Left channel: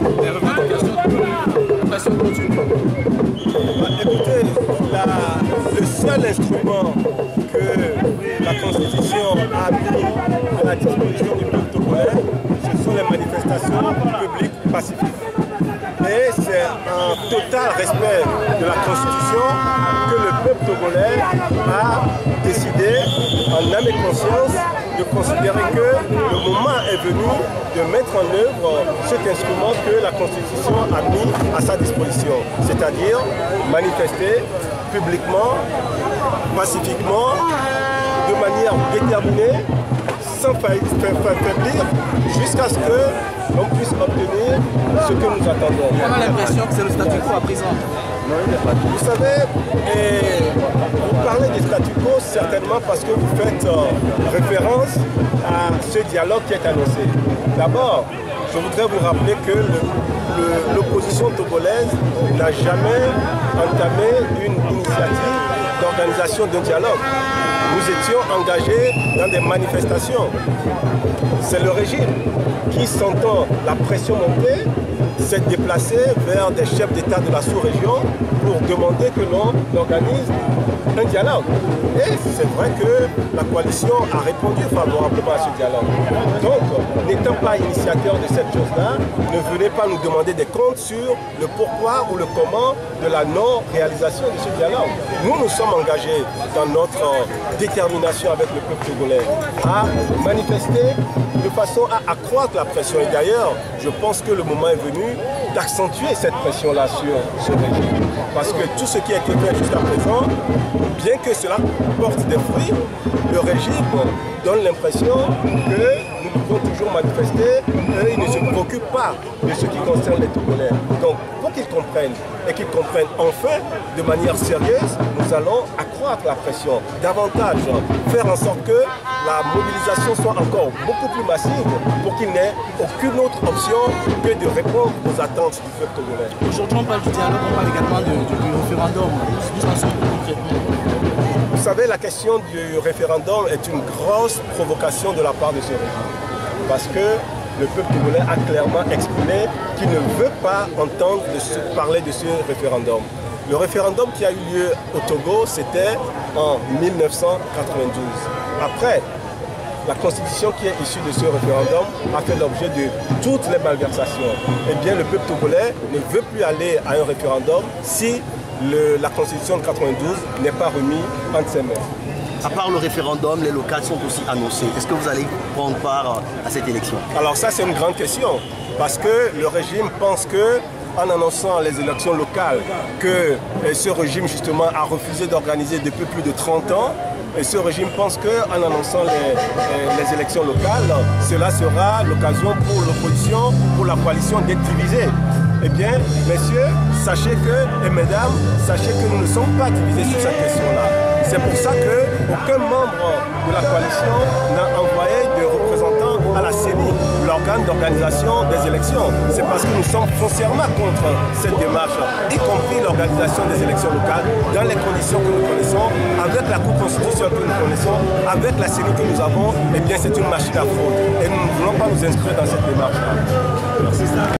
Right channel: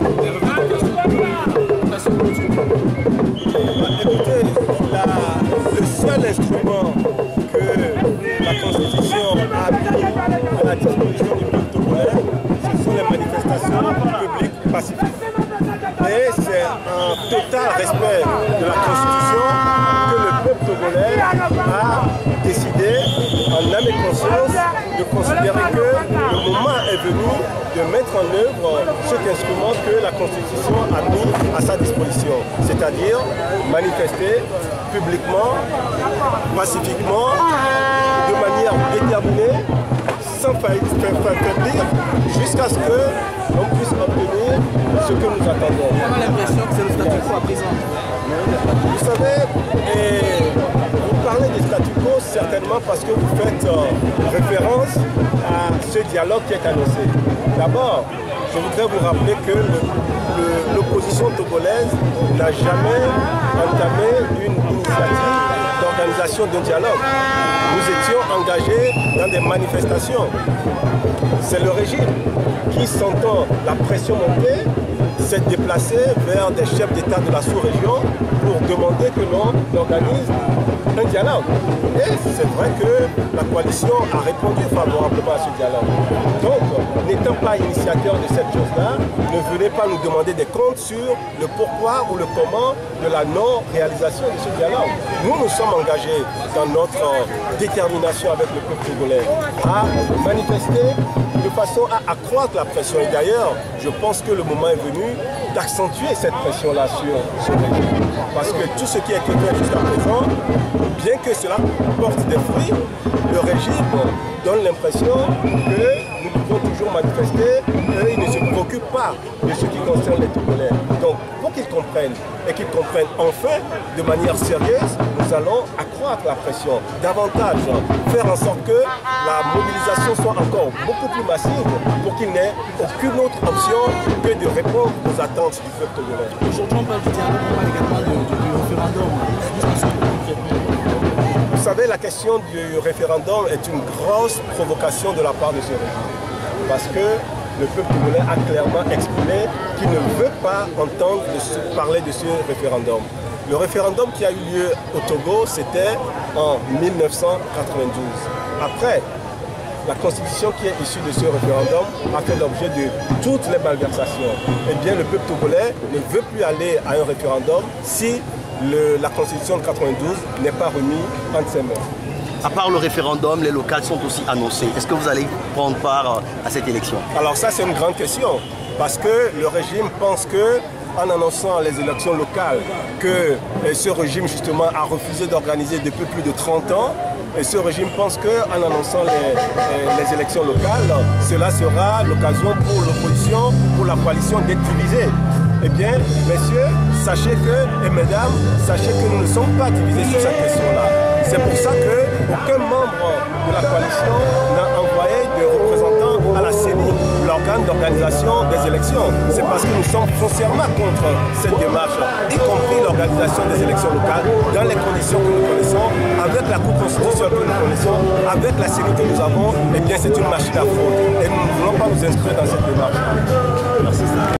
des revendications de pression continue. Écoutez, le seul instrument que la Constitution a mis à la disposition du peuple togolais, ce sont les manifestations publiques pacifiques. Et c'est un total respect de la Constitution que le peuple togolais a décidé, en âme et conscience, de considérer que le moment est venu de mettre en œuvre cet instrument que la Constitution a mis à sa disposition, c'est-à-dire manifester publiquement, pacifiquement, de manière déterminée, sans faiblir, jusqu'à ce que l'on puisse obtenir ce que nous attendons. On a l'impression que c'est le statu quo à présent. Vous savez, vous parlez du statu quo certainement parce que vous faites référence à ce dialogue qui est annoncé. D'abord, je voudrais vous rappeler que l'opposition togolaise n'a jamais entamé une initiative d'organisation d'un dialogue. Nous étions engagés dans des manifestations. C'est le régime qui, sentant la pression monter, s'est déplacé vers des chefs d'État de la sous-région pour demander que l'on organise un dialogue. Et c'est vrai que la coalition a répondu favorablement à ce dialogue. Donc, n'étant pas initiateur de cette chose-là, ne venez pas nous demander des comptes sur le pourquoi ou le comment de la non-réalisation de ce dialogue. Nous nous sommes engagés dans notre détermination avec le peuple togolais à manifester de façon à accroître la pression. Et d'ailleurs, je pense que le moment est venu d'accentuer cette pression-là sur ce régime. Parce que tout ce qui a été fait jusqu'à présent, bien que cela porte des fruits, le régime donne l'impression que nous pouvons toujours manifester et il ne se préoccupe pas de ce qui concerne les Togolais. Donc, pour qu'ils comprennent et qu'ils comprennent enfin de manière sérieuse, nous allons accroître la pression davantage, faire en sorte que la mobilisation soit encore beaucoup plus massive pour qu'il n'ait aucune autre option que de répondre aux attentes du peuple togolais. Aujourd'hui, on parle du dialogue, on parle également du référendum. Vous savez, la question du référendum est une grosse provocation de la part de ce régime. Parce que le peuple togolais a clairement exprimé qu'il ne veut pas entendre parler de ce référendum. Le référendum qui a eu lieu au Togo, c'était en 1992. Après, la constitution qui est issue de ce référendum a fait l'objet de toutes les malversations. Eh bien, le peuple togolais ne veut plus aller à un référendum si la constitution de 92 n'est pas remise entre ses mains. À part le référendum, les locales sont aussi annoncées. Est-ce que vous allez prendre part à cette élection? Alors ça, c'est une grande question. Parce que le régime pense que, en annonçant les élections locales, que ce régime justement a refusé d'organiser depuis plus de 30 ans, et ce régime pense qu'en annonçant les élections locales, cela sera l'occasion pour l'opposition, pour la coalition d'être divisée. Eh bien, messieurs, sachez que, et mesdames, sachez que nous ne sommes pas divisés sur cette question-là. C'est pour ça qu'aucun membre de la coalition n'a envoyé de représentants à la CENI, l'organe d'organisation des élections. C'est parce que nous sommes foncièrement contre cette démarche, y compris l'organisation des élections locales, dans les conditions que nous connaissons, avec la Cour constitutionnelle que nous connaissons, avec la CENI que nous avons. Eh bien, c'est une machine à fraude. Et nous ne voulons pas nous inscrire dans cette démarche. Merci.